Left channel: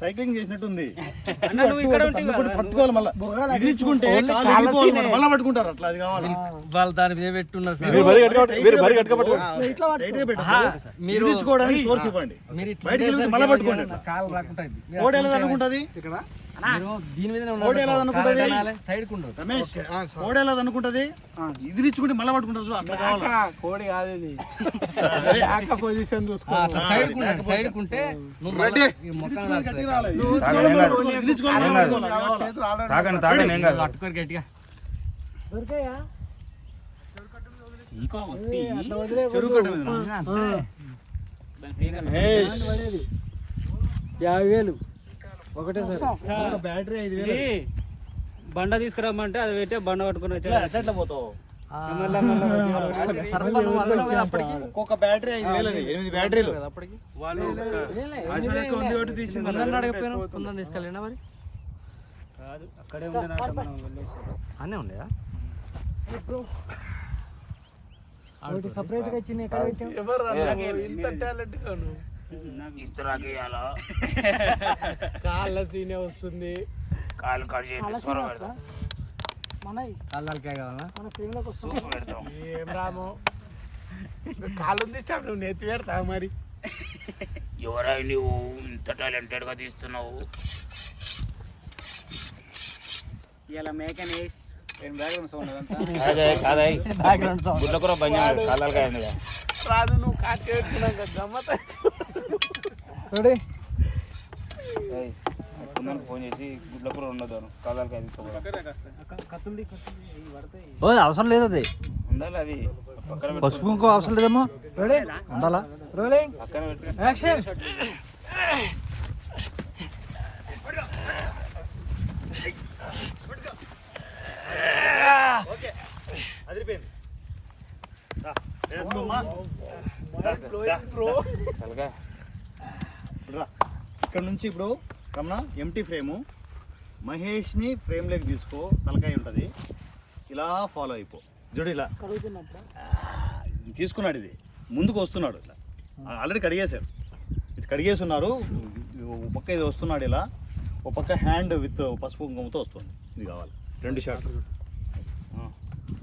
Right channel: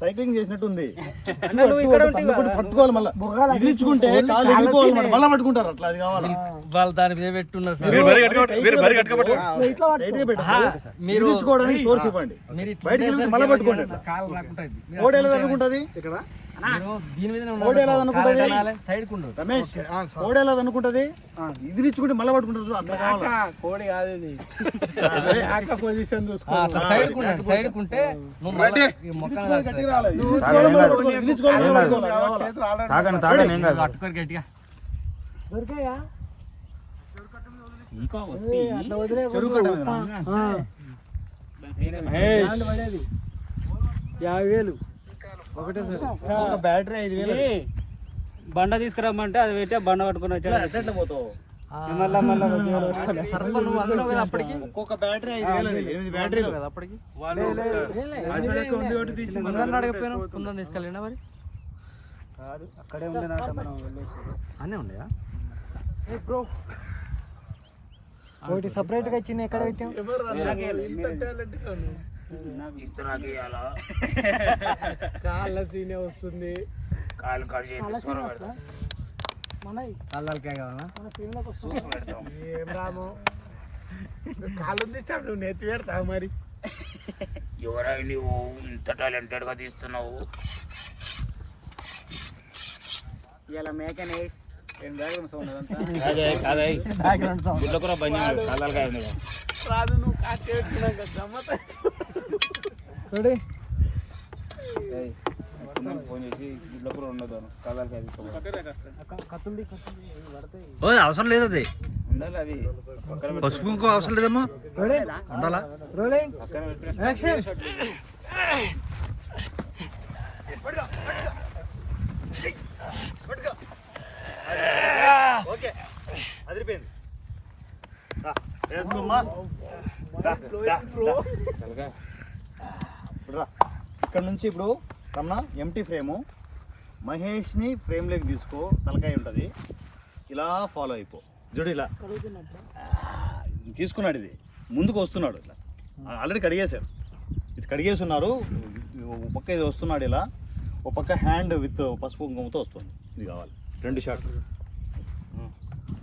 Cycling చేసినట్టుంది ఇక్కడ పట్టుకోవాలి మళ్ళీ. మళ్ళా పట్టుకుంటారు అట్లా అది కావాలి వాళ్ళు దాని మీద పెట్టున్నారు సార్ మీరు మీరు సోర్స్ ఇవ్వండి బయటికి మళ్ళీ పట్టుకోండి అట్లా. కాలు రాకుంటుంది మీరు కోడి ఎలా అనుకుంటది మీరు దీని మీద కోడి ఎలా అనుకుంటది? సైడ్ కుండు రమేష్ కోడి ఎలా అనుకుంటది? ఇదిరించుకుంటే మళ్ళీ పట్టుకుంటారు అట్లా కావాలి? కోడి కాదు ఇది. పొజిషన్ చూసుకో. అట్లా సైడ్ కుండండి సైడ్ కుంటే నువ్వు మళ్ళీ ఈ మొక్కను గట్టిగా చెరువు యాభై వేలు. బ్యాటరీ ఐదు వేలు. బండ తీసుకురమ్మంటే అది పెట్టి బండ పట్టుకుని ఎట్లా పోతావు? ఒక్కొక్క బ్యాటరీ ఐదు వేలు. ఎనిమిది బ్యాటరీలు. వాళ్ళు అడగపోయినా తీసుకెళ్ళినా మరి? కాదు అక్కడే ఉండేనట మనం వెళ్ళేసి. అన్నీ ఉండయా? ఒకటి సపరేట్గా ఇచ్చింది ఎక్కడ పెట్టాం ఇంత టాలెంట్ కాళ్ళ సీనే వస్తుంది. కళ్ళకే కావాలా? ఏం రాము? కాళ్ళు ఉంది స్టాప్ నువ్వు నెత్తి పెడతావు మరి? ఎవరై నువ్వు ఇంత టాలెంటెడ్గా తీస్తున్నావు? ఇలా మేకనేస్ ఏం బ్యాక్గ్రౌండ్ సౌండ్ అదంతా? అదే అదే. బ్యాక్గ్రౌండ్ సౌండ్ బండి కలర్గా అయింది రాదు నువ్వు పెట్టుకున్నాక గమ్మత అవసరం లేదు అది. పసుపు ఇంకో అవసరం లేదేమో. ఉండాలా? అదిరిపోయింది. ఇప్పుడు రా. ఇక్కడ నుంచి ఇప్పుడు రమణ ఎంటీ ఫ్రేము మహేష్ని ఫ్రేమ్లోకి తీసుకో తలకాయ ఉంటుంది. ఇలా ఫాలో అయిపో. చూడు ఇలా. తీసుకున్నాడు ఇది. ముందుకు వస్తున్నాడు ఇట్లా. ఆల్రెడీ కడిగేశారు ఇది కడిగేసి ఉన్నారు ఒక పక్క ఇది వస్తున్నాడు ఇలా. ఒక పక్క హ్యాండ్ విత్ పసుపు కుంకుమతో వస్తుంది. ఇది కావాలి. రెండు షాట్లు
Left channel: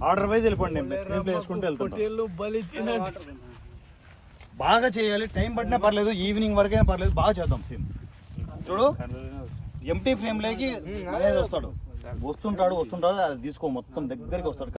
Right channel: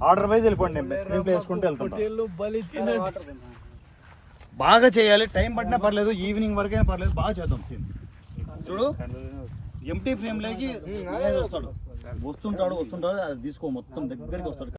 ఆర్డర్ వైజ్ వెళ్ళిపోండి. నేను స్క్రీన్ ప్లే వేసుకుంటూ వెళ్తాను బాగా చేయాలి. టైం పట్టినా పర్లేదు ఈవినింగ్ వరకైనా పర్లేదు బాగా చేద్దాం సీన్. చూడు ఎంటీ ఫ్రేమ్లోకి వస్తాడు. వస్తుంటాడు వస్తుంటాడు అది తీసుకో మొత్తం దగ్గరికి వస్తాడు.